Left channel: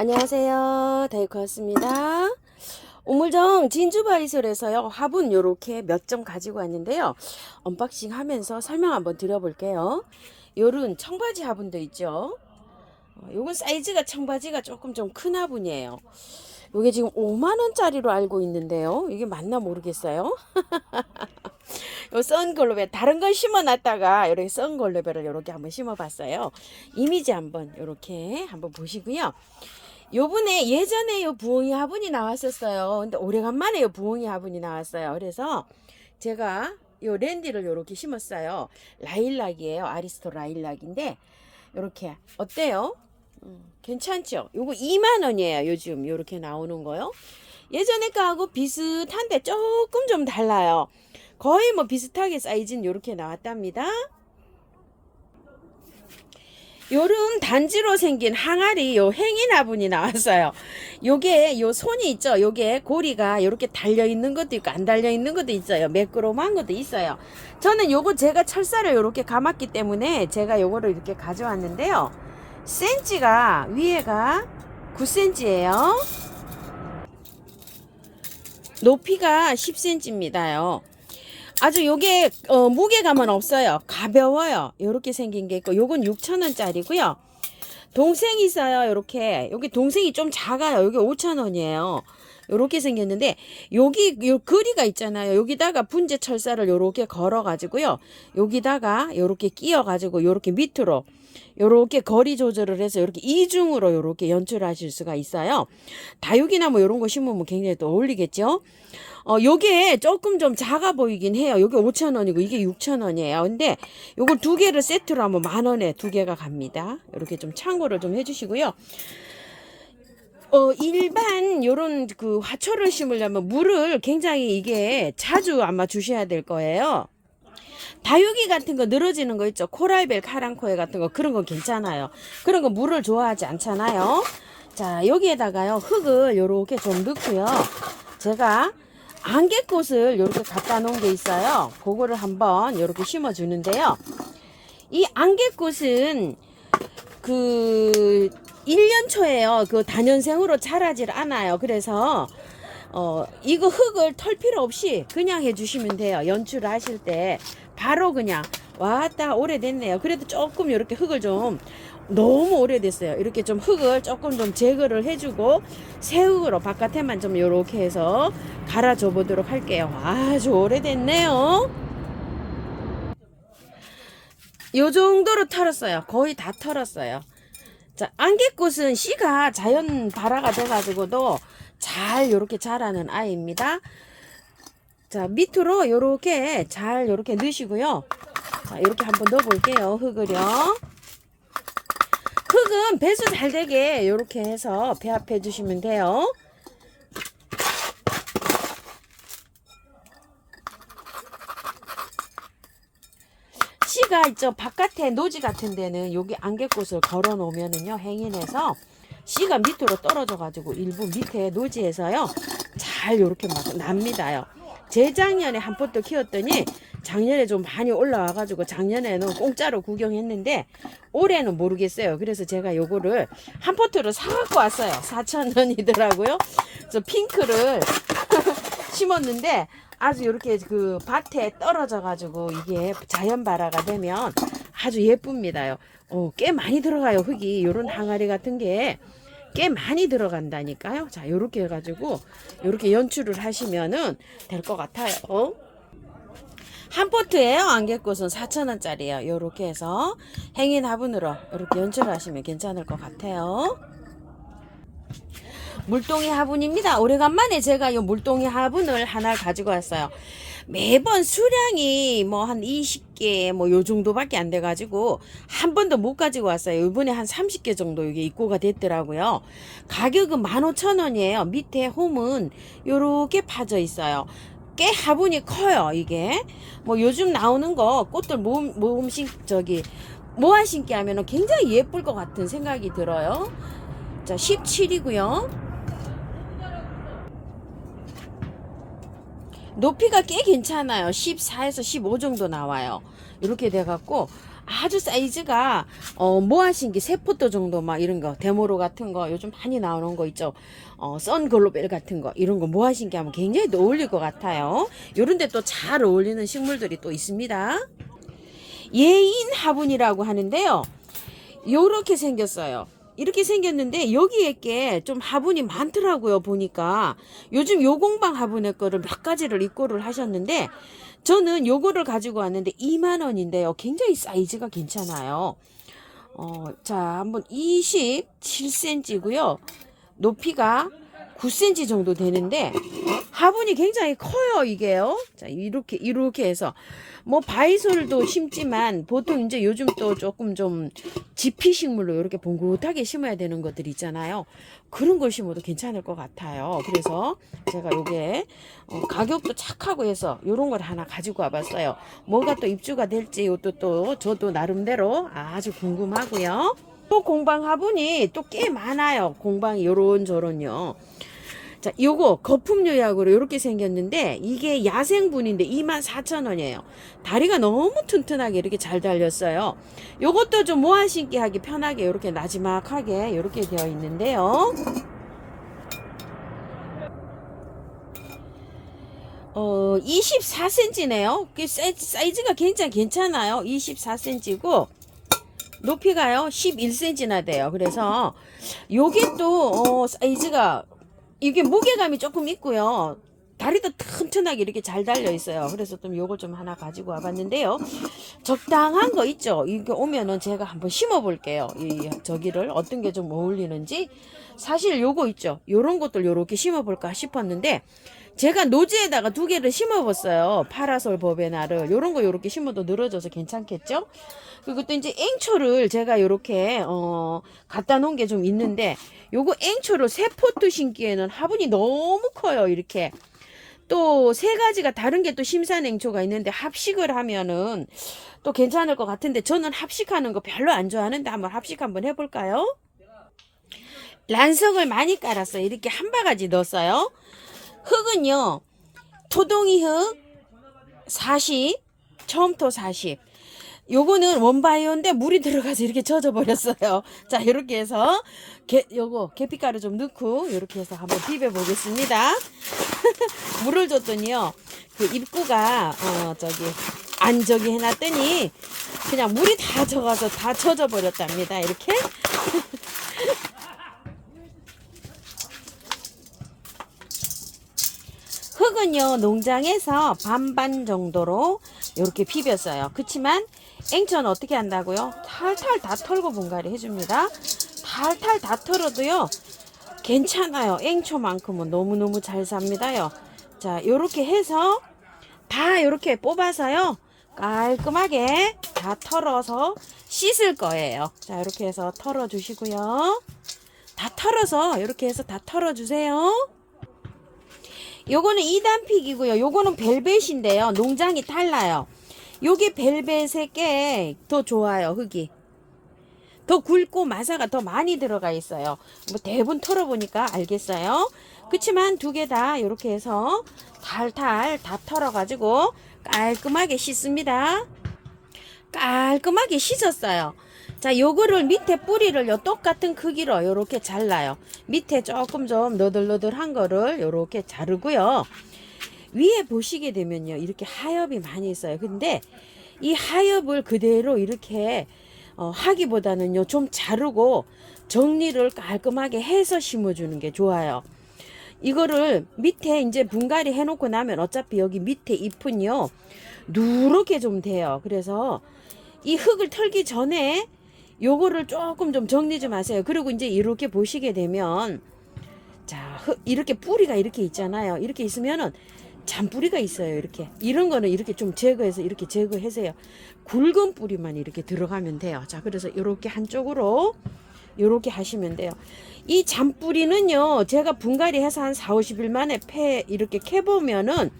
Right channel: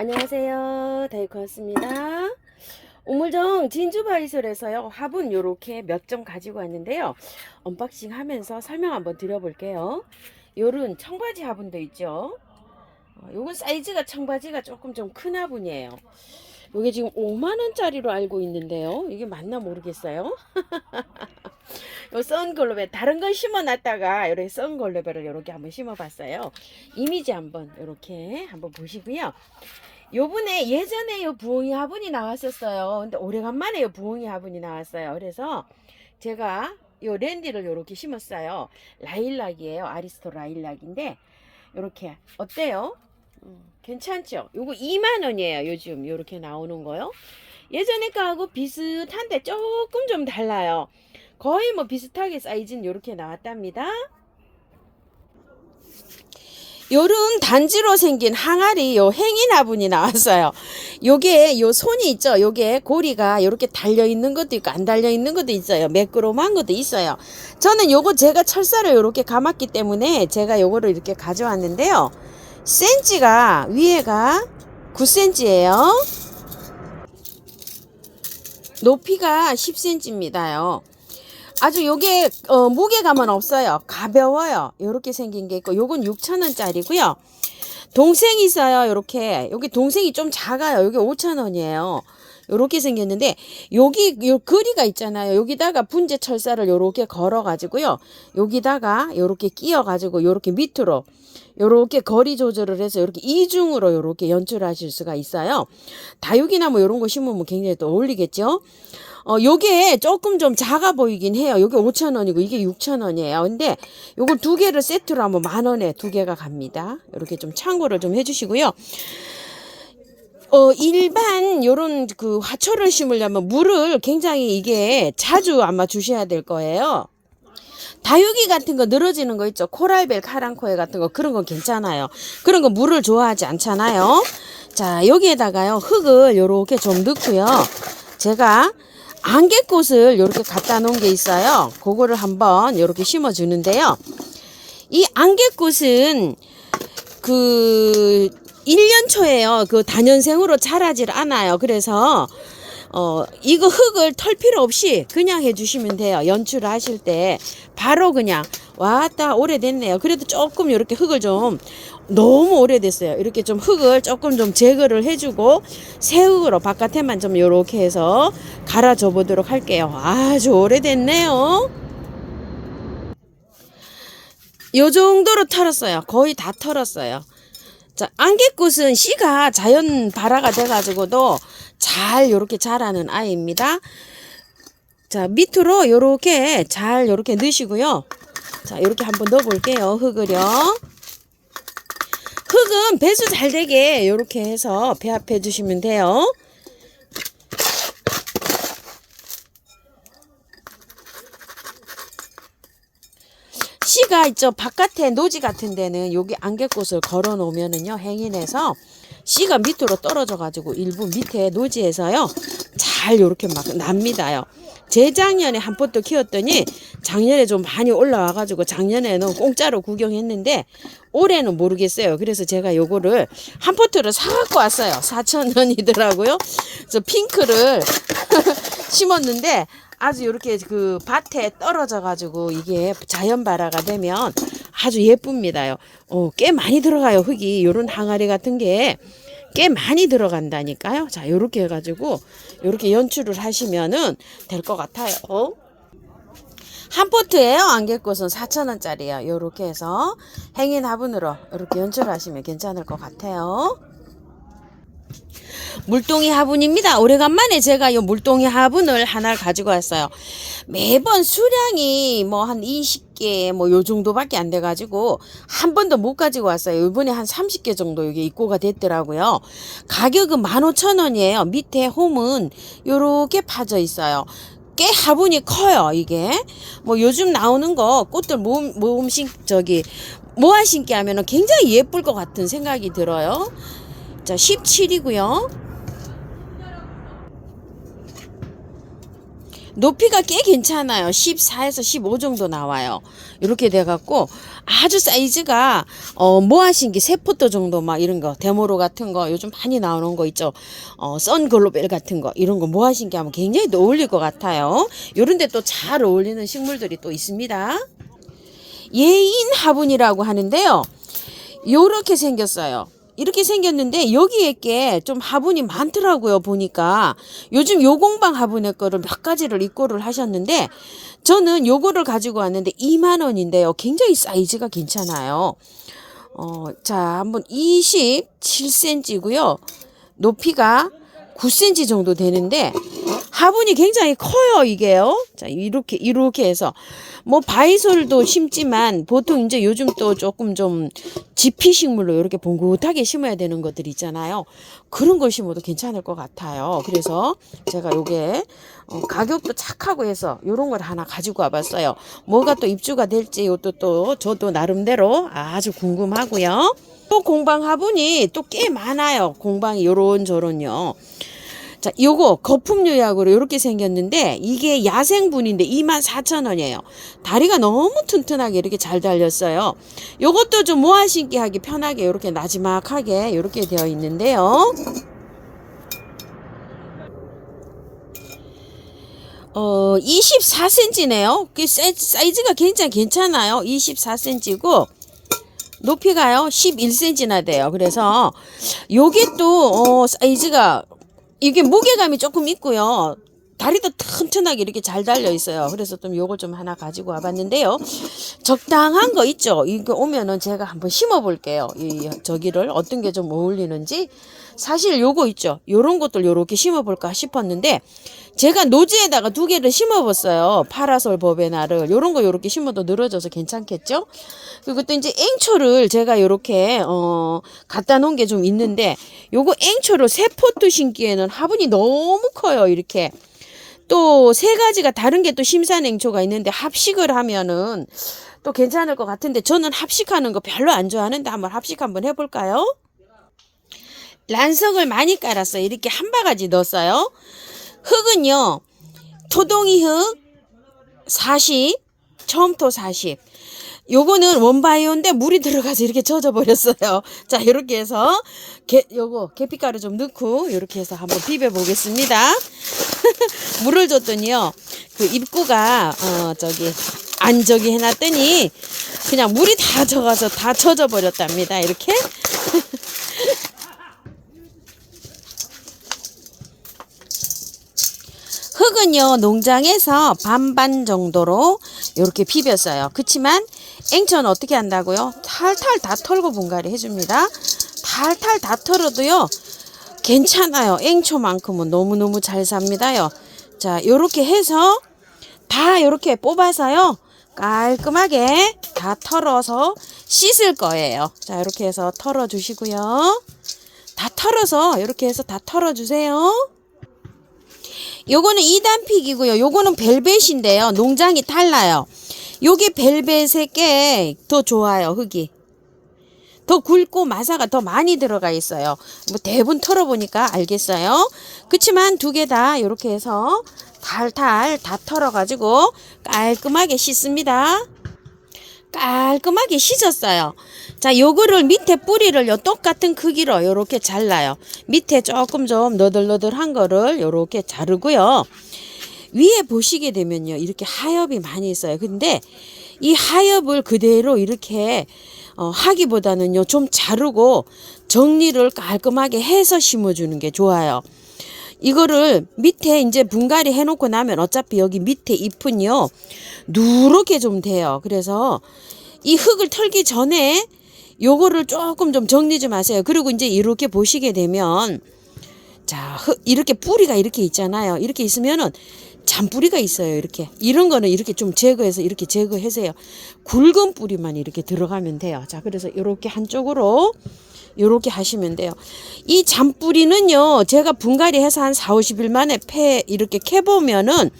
안녕하세요. 다이코였습니다. 우물정 진주바이솔에서요. 화분 요렇게 몇 점 가지고 왔는데요. 언박싱 하면서 설명 한번 드려볼게요. 요런 청바지 화분도 있죠. 요건 사이즈가 청바지가 조금 좀 큰 화분이에요. 요게 지금 5만원짜리로 알고 있는데요. 이게 맞나 모르겠어요. 요 썬글로베 다른 건 심어놨다가 이렇게 썬글로베를 이렇게 한번 심어봤어요. 이미지 한번 이렇게 한번 보시고요. 요번에 예전에 요 부엉이 화분이 나왔었어요. 근데 오래간만에 요 부엉이 화분이 나왔어요. 그래서 제가 요 랜디를 요렇게 심었어요. 라일락이에요. 아리스토 라일락인데 요렇게 어때요? 괜찮죠? 요거 2만원이에요. 요즘 요렇게 나오는 거요. 예전에 거하고 비슷한데 조금 좀 달라요. 거의 뭐 비슷하게 사이즈는 요렇게 나왔답니다. 요런 단지로 생긴 항아리 요 행인 화분이 나왔어요. 요게 요 손이 있죠. 요게 고리가 요렇게 달려 있는 것도 있고 안 달려 있는 것도 있어요. 매끄러움한 것도 있어요. 저는 요거 제가 철사를 요렇게 감았기 때문에 제가 요거를 이렇게 가져왔는데요. 센치가 위에가 9cm예요. 높이가 10cm입니다요. 아주 요게 무게감은 없어요. 가벼워요. 요렇게 생긴 게 있고 요건 6,000원짜리고요. 동생이 있어요. 요렇게 여기 동생이 좀 작아요. 요게 5,000원이에요. 요렇게 생겼는데 여기 요 거리가 있잖아요. 여기다가 분재 철사를 요렇게 걸어 가지고요. 여기다가 요렇게 끼워 가지고 요렇게 밑으로 요렇게 거리 조절을 해서 요렇게 이중으로 요렇게 연출하실 수가 있어요. 다육이나 뭐 요런 거 심으면 굉장히 또 어울리겠죠. 요게 조금 좀 작아 보이긴 해요. 요게 5,000원이고 이게 6,000원이에요. 근데 요거 두 개를 세트로 하면 10,000원에 두 개가 갑니다. 이렇게 좀 참고를 좀 해주시고요. 일반 요런 그 화초를 심으려면 물을 굉장히 이게 자주 아마 주셔야 될 거예요. 다육이 같은 거 늘어지는 거 있죠. 코랄벨 카랑코에 같은 거 그런 건 괜찮아요. 그런 거 물을 좋아하지 않잖아요. 자, 여기에다가요 흙을 요렇게 좀 넣고요. 제가 안개꽃을 이렇게 갖다 놓은 게 있어요. 그거를 한번 이렇게 심어 주는데요. 이 안개꽃은 그 1년 초에요. 그 단연생으로 자라질 않아요. 그래서 이거 흙을 털 필요 없이 그냥 해주시면 돼요. 연출을 하실 때 바로 그냥 왔다 오래됐네요. 그래도 조금 이렇게 흙을 좀 너무 오래됐어요. 이렇게 좀 흙을 조금 좀 제거를 해주고 새 흙으로 바깥에만 좀 이렇게 해서 갈아줘 보도록 할게요. 아주 오래됐네요. 요 정도로 털었어요. 거의 다 털었어요. 자, 안개꽃은 씨가 자연 발화가 돼가지고도 잘 요렇게 자라는 아이입니다. 자, 밑으로 요렇게 잘 요렇게 넣으시고요. 자, 요렇게 한번 넣어 볼게요. 흙을요. 흙은 배수 잘 되게 요렇게 해서 배합해 주시면 돼요. 씨가 있죠. 바깥에 노지 같은 데는 여기 안개꽃을 걸어 놓으면은요. 행인해서 씨가 밑으로 떨어져 가지고 일부 밑에 노지에서요. 잘 요렇게 막 납니다요. 재작년에 한 포트 키웠더니 작년에 좀 많이 올라와 가지고 작년에는 공짜로 구경했는데 올해는 모르겠어요. 그래서 제가 요거를 한 포트를 사 갖고 왔어요. 4,000원이더라고요. 그래서 핑크를 심었는데 아주 이렇게 그 밭에 떨어져 가지고 이게 자연 발화가 되면 아주 예쁩니다요. 꽤 많이 들어가요. 흙이 요런 항아리 같은 게 꽤 많이 들어간다니까요. 자, 요렇게 해가지고 요렇게 연출을 하시면은 될 것 같아요. 한 포트예요. 안개꽃은 4,000원짜리예요. 요렇게 해서 행인 화분으로 요렇게 연출하시면 괜찮을 것 같아요. 물동이 화분입니다. 오래간만에 제가 이 물동이 화분을 하나를 가지고 왔어요. 매번 수량이 뭐 한 20개 뭐 요 정도밖에 안 돼 가지고 한 번도 못 가지고 왔어요. 이번에 한 30개 정도 이게 입고가 됐더라고요. 가격은 15,000원이에요. 밑에 홈은 요렇게 파져 있어요. 꽤 화분이 커요. 이게 뭐 요즘 나오는 거 꽃들 모음식 저기 모아 심기 하면은 굉장히 예쁠 것 같은 생각이 들어요. 자, 17이고요. 높이가 꽤 괜찮아요. 14에서 15 정도 나와요. 이렇게 돼갖고 아주 사이즈가 모아신기 3포토 정도 막 이런 거 데모로 같은 거 요즘 많이 나오는 거 있죠. 선글로벨 같은 거 이런 거 모아신기 하면 굉장히 또 어울릴 것 같아요. 요런데 또 잘 어울리는 식물들이 또 있습니다. 예인 화분이라고 하는데요. 요렇게 생겼어요. 이렇게 생겼는데 여기에 게 좀 화분이 많더라고요. 보니까 요즘 요공방 화분의 거를 몇 가지를 입고를 하셨는데 저는 요거를 가지고 왔는데 2만 원인데요. 굉장히 사이즈가 괜찮아요. 자, 한번 27cm고요. 높이가 9cm 정도 되는데 화분이 굉장히 커요, 이게요. 자, 이렇게 해서 뭐 바이솔도 심지만 보통 이제 요즘 또 조금 좀 지피식물로 이렇게 봉긋하게 심어야 되는 것들 있잖아요. 그런 걸 심어도 괜찮을 것 같아요. 그래서 제가 요게 가격도 착하고 해서 요런 걸 하나 가지고 와봤어요. 뭐가 또 입주가 될지 요것도 또 저도 나름대로 아주 궁금하고요. 또 공방 화분이 또 꽤 많아요. 공방이 요런저런요. 자, 요거 거품 요약으로 이렇게 생겼는데 이게 야생분인데 24,000원이에요. 다리가 너무 튼튼하게 이렇게 잘 달렸어요. 요것도 좀 모아 신기 하기 편하게 이렇게 나지막하게 이렇게 되어 있는데요. 24cm네요. 사이즈가 굉장히 괜찮아요. 24cm고 높이가요 11cm나 돼요. 그래서 요게 또 사이즈가 이게 무게감이 조금 있고요. 다리도 튼튼하게 이렇게 잘 달려 있어요. 그래서 좀 요걸 좀 하나 가지고 와봤는데요. 적당한 거 있죠. 이거 오면은 제가 한번 심어 볼게요. 저기를 어떤 게 좀 어울리는지. 사실 요거 있죠. 요런 것들 요렇게 심어 볼까 싶었는데 제가 노지에다가 2개를 심어봤어요. 파라솔 버베나를 요런 거 요렇게 심어도 늘어져서 괜찮겠죠? 그리고 또 이제 앵초를 제가 요렇게 갖다 놓은 게 좀 있는데 요거 앵초를 3포트 심기에는 화분이 너무 커요. 이렇게 또 3가지가 다른 게 또 심산 앵초가 있는데 합식을 하면은 또 괜찮을 것 같은데 저는 합식하는 거 별로 안 좋아하는데 한번 합식 한번 해볼까요? 란석을 많이 깔았어요. 이렇게 한 바가지 넣었어요. 흙은요 토동이 흙 40, 처음토 40. 요거는 원바이오인데 물이 들어가서 이렇게 젖어 버렸어요. 자, 이렇게 해서 요거 계피가루 좀 넣고 이렇게 해서 한번 비벼 보겠습니다. 물을 줬더니요 그 입구가 저기 해놨더니 그냥 물이 다 젖어서 다 젖어 버렸답니다. 이렇게 흙은요 농장에서 반반 정도로 이렇게 비볐어요. 그치만 앵초는 어떻게 한다고요? 탈탈 다 털고 분갈이 해줍니다. 탈탈 다 털어도요 괜찮아요. 앵초만큼은 너무너무 잘 삽니다요. 자, 요렇게 해서 다 요렇게 뽑아서요 깔끔하게 다 털어서 씻을 거예요. 자, 이렇게 해서 털어 주시고요. 다 털어서 이렇게 해서 다 털어 주세요. 요거는 2단픽이고요. 요거는 벨벳인데요. 농장이 달라요. 요게 벨벳의 게 더 좋아요. 흙이 더 굵고 마사가 더 많이 들어가 있어요. 뭐 대부분 털어보니까 알겠어요. 그치만 2개 다 이렇게 해서 탈탈 다 털어가지고 깔끔하게 씻습니다. 깔끔하게 씻었어요. 자, 요거를 밑에 뿌리를 똑같은 크기로 요렇게 잘라요. 밑에 조금 좀 너덜너덜한 거를 요렇게 자르고요. 위에 보시게 되면요 이렇게 하엽이 많이 있어요. 근데 이 하엽을 그대로 이렇게 하기보다는요 좀 자르고 정리를 깔끔하게 해서 심어주는 게 좋아요. 이거를 밑에 이제 분갈이 해놓고 나면 어차피 여기 밑에 잎은요 누렇게 좀 돼요. 그래서 이 흙을 털기 전에 요거를 조금 좀 정리 좀 하세요. 그리고 이제 이렇게 보시게 되면 자, 이렇게 뿌리가 이렇게 있잖아요. 이렇게 있으면은 잔뿌리가 있어요. 이렇게 이런 거는 이렇게 좀 제거해서 이렇게 제거하세요. 굵은 뿌리만 이렇게 들어가면 돼요. 자, 그래서 이렇게 한쪽으로 이렇게 하시면 돼요. 이 잔뿌리는요 제가 분갈이 해서 한 4-50일 만에 이렇게 캐보면은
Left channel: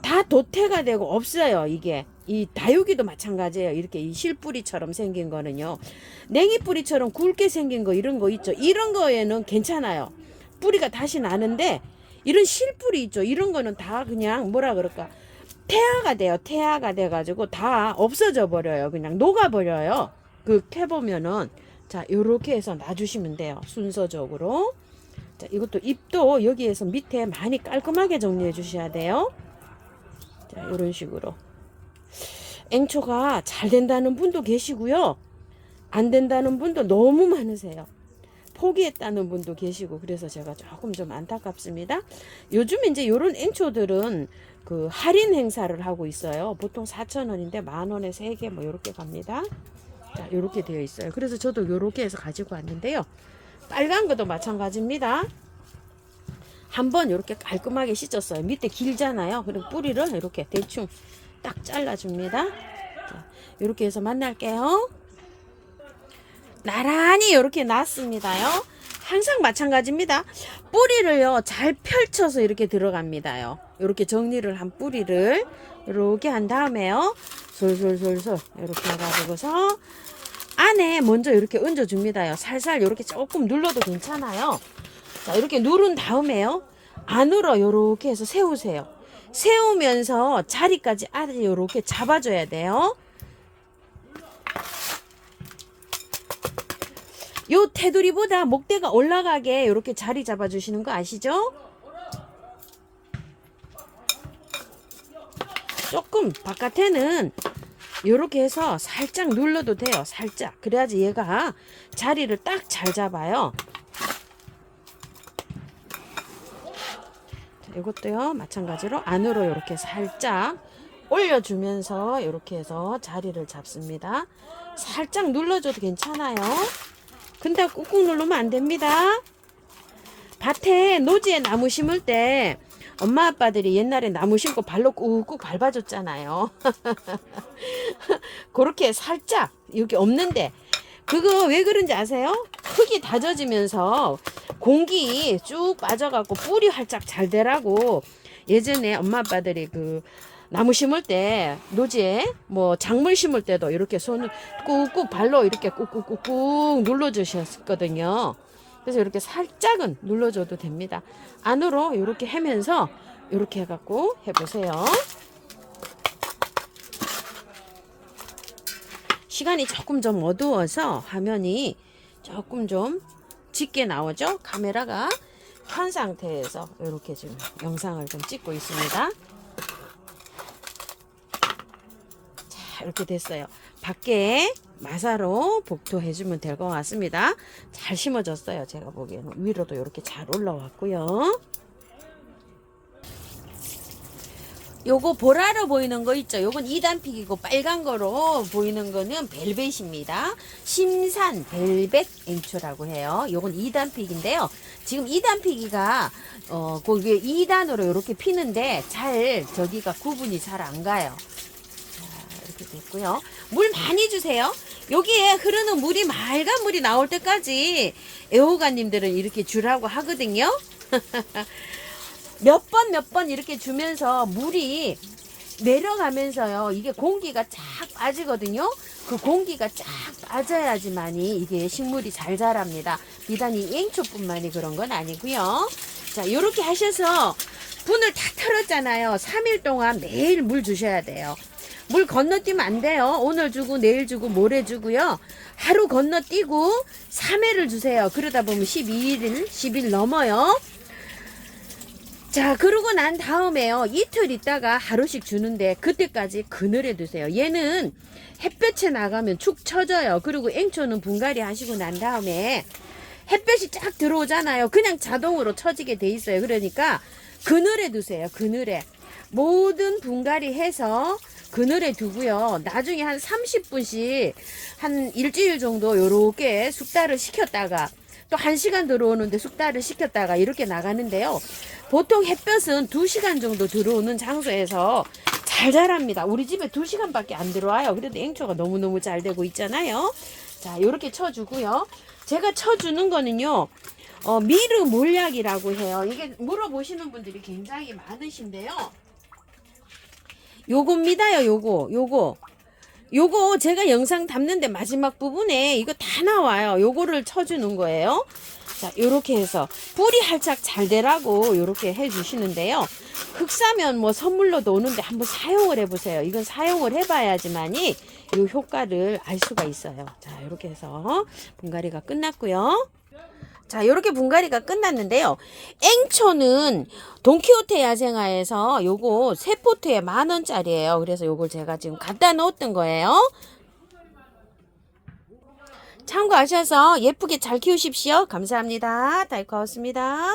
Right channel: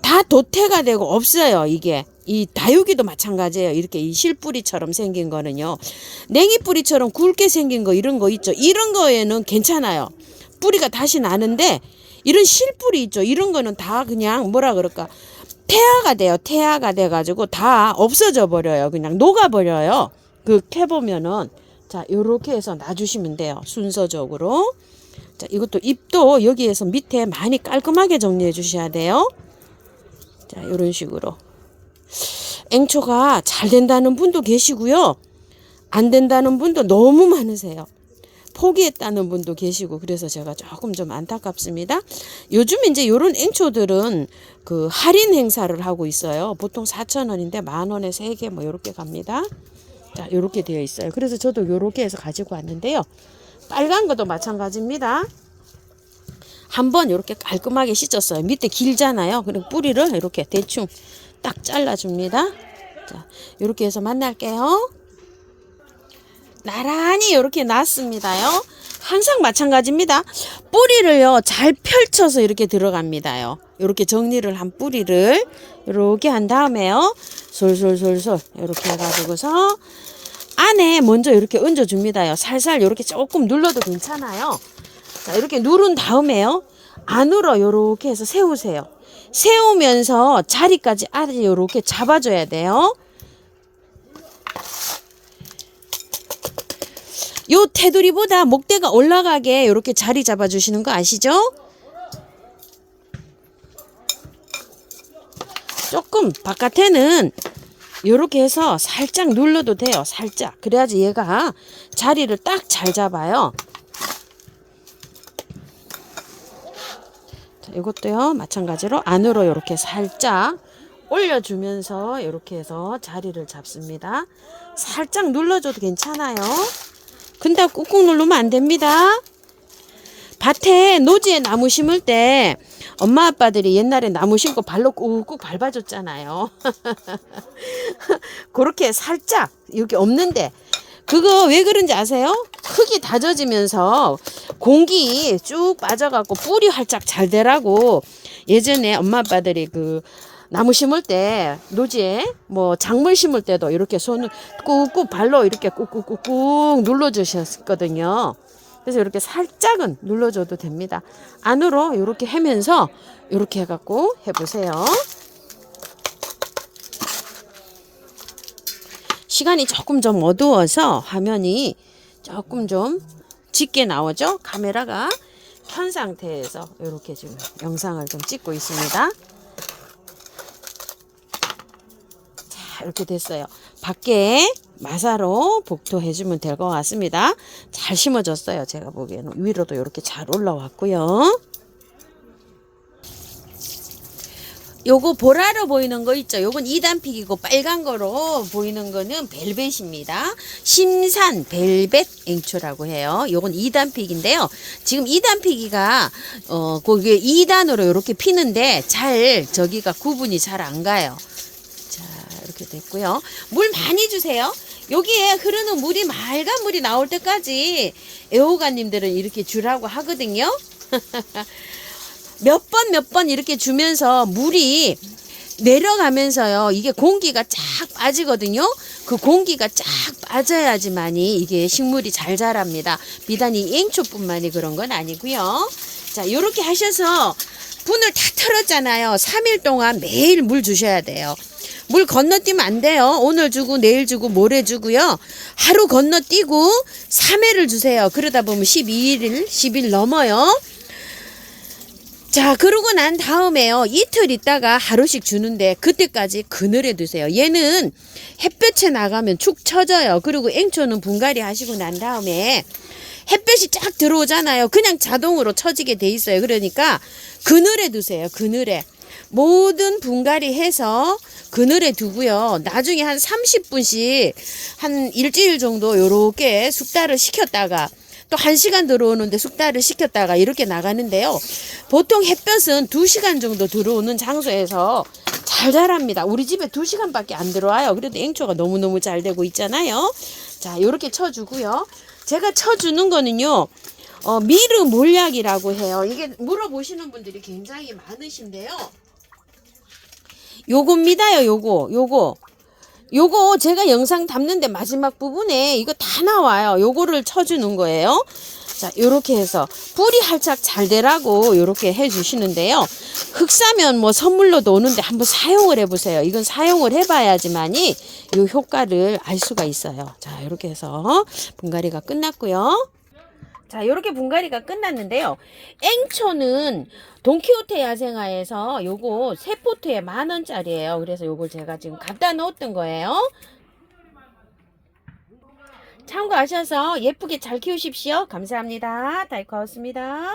다 도태가 되고 없어요. 이게 이 다육이도 마찬가지예요. 이렇게 이 실뿌리처럼 생긴 거는요 냉이뿌리처럼 굵게 생긴 거 이런 거 있죠. 이런 거에는 괜찮아요. 뿌리가 다시 나는데 이런 실뿌리 있죠. 이런 거는 다 그냥 뭐라 그럴까, 태아가 돼요. 태아가 돼가지고 다 없어져 버려요. 그냥 녹아버려요. 그 캐보면은. 자, 요렇게 해서 놔주시면 돼요. 순서적으로. 자, 이것도 잎도 여기에서 밑에 많이 깔끔하게 정리해 주셔야 돼요. 자, 요런 식으로. 앵초가 잘 된다는 분도 계시고요. 안 된다는 분도 너무 많으세요. 포기했다는 분도 계시고, 그래서 제가 조금 좀 안타깝습니다. 요즘 이제 요런 앵초들은 그 할인 행사를 하고 있어요. 보통 4,000원인데 10,000원에 3개 뭐 요렇게 갑니다. 자, 요렇게 되어 있어요. 그래서 저도 요렇게 해서 가지고 왔는데요. 빨간 것도 마찬가지입니다. 한번 이렇게 깔끔하게 씻었어요. 밑에 길잖아요. 그리고 뿌리를 이렇게 대충 딱 잘라줍니다. 자, 이렇게 해서 만날게요. 나란히 이렇게 놨습니다요. 항상 마찬가지입니다. 뿌리를요 잘 펼쳐서 이렇게 들어갑니다요. 이렇게 정리를 한 뿌리를 이렇게 한 다음에요, 솔솔솔솔 이렇게 해가지고서 안에 먼저 이렇게 얹어 줍니다요. 살살 이렇게 조금 눌러도 괜찮아요. 자, 이렇게 누른 다음에요, 안으로 이렇게 해서 세우세요. 세우면서 자리까지 아래 이렇게 잡아줘야 돼요. 요 테두리보다 목대가 올라가게 이렇게 자리 잡아주시는 거 아시죠? 조금 바깥에는 이렇게 해서 살짝 눌러도 돼요. 살짝. 그래야지 얘가 자리를 딱 잘 잡아요. 자, 이것도요 마찬가지로 안으로 이렇게 살짝 올려주면서 이렇게 해서 자리를 잡습니다. 살짝 눌러줘도 괜찮아요. 근데 꾹꾹 누르면 안 됩니다. 밭에 노지에 나무 심을 때 엄마 아빠들이 옛날에 나무 심고 발로 꾹꾹 밟아줬잖아요. 그렇게 살짝 여기 없는데, 그거 왜 그런지 아세요? 흙이 다져지면서 공기 쭉 빠져갖고 뿌리 활짝 잘 되라고 예전에 엄마 아빠들이 그 나무 심을 때 노지에 뭐 작물 심을 때도 이렇게 손을 꾹꾹 발로 이렇게 꾹꾹꾹꾹 눌러주셨거든요. 그래서 이렇게 살짝은 눌러줘도 됩니다. 안으로 이렇게 해면서 이렇게 해갖고 해보세요. 시간이 조금 좀 어두워서 화면이 조금 좀 짙게 나오죠. 카메라가 켠 상태에서 이렇게 좀 영상을 좀 찍고 있습니다. 자, 이렇게 됐어요. 밖에 마사로 복토해주면 될 것 같습니다. 잘 심어졌어요. 제가 보기에는 위로도 이렇게 잘 올라왔고요. 요거 보라로 보이는 거 있죠. 요건 2단픽이고 빨간 거로 보이는 거는 벨벳입니다. 심산 벨벳 앵초라고 해요. 요건 2단픽인데요. 지금 2단픽이가 거기에 2단으로 이렇게 피는데 잘 저기가 구분이 잘 안 가요. 자, 이렇게 됐고요. 물 많이 주세요. 여기에 흐르는 물이 맑은 물이 나올 때까지 애호가님들은 이렇게 주라고 하거든요. 몇 번 이렇게 주면서 물이 내려가면서요, 이게 공기가 쫙 빠지거든요. 그 공기가 쫙 빠져야지만이 이게 식물이 잘 자랍니다. 비단 이 앵초뿐만이 그런 건 아니고요. 자, 요렇게 하셔서 분을 다 털었잖아요. 3일 동안 매일 물 주셔야 돼요. 물 건너뛰면 안 돼요. 오늘 주고 내일 주고 모레 주고요. 하루 건너뛰고 3회를 주세요. 그러다 보면 10일 넘어요. 자, 그러고 난 다음에요, 이틀 있다가 하루씩 주는데 그때까지 그늘에 두세요. 얘는 햇볕에 나가면 축 처져요. 그리고 앵초는 분갈이 하시고 난 다음에 햇볕이 쫙 들어오잖아요. 그냥 자동으로 처지게 돼 있어요. 그러니까 그늘에 두세요. 그늘에. 모든 분갈이 해서 그늘에 두고요. 나중에 한 30분씩 한 일주일 정도 요렇게 숙달을 시켰다가 또 1시간 들어오는데 숙달을 시켰다가 이렇게 나가는데요. 보통 햇볕은 2시간 정도 들어오는 장소에서 잘 자랍니다. 우리 집에 2시간밖에 안 들어와요. 그래도 앵초가 너무너무 잘 되고 있잖아요. 자, 요렇게 쳐주고요. 제가 쳐주는 거는요, 미르 몰약이라고 해요. 이게 물어보시는 분들이 굉장히 많으신데요. 요겁니다요. 요거 제가 영상 담는데 마지막 부분에 이거 다 나와요. 요거를 쳐주는 거예요. 자, 요렇게 해서 뿌리 활짝 잘 되라고 요렇게 해주시는데요. 흙 싸면 뭐 선물로도 오는데 한번 사용을 해보세요. 이건 사용을 해봐야지만이 요 효과를 알 수가 있어요. 자, 요렇게 해서 분갈이가 끝났고요. 자, 요렇게 분갈이가 끝났는데요. 앵초는 돈키호테 야생화에서 요거 3포트에 10,000원짜리예요. 그래서 요걸 제가 지금 갖다 놓았던 거예요. 참고하셔서 예쁘게 잘 키우십시오. 감사합니다. 달 커웠습니다.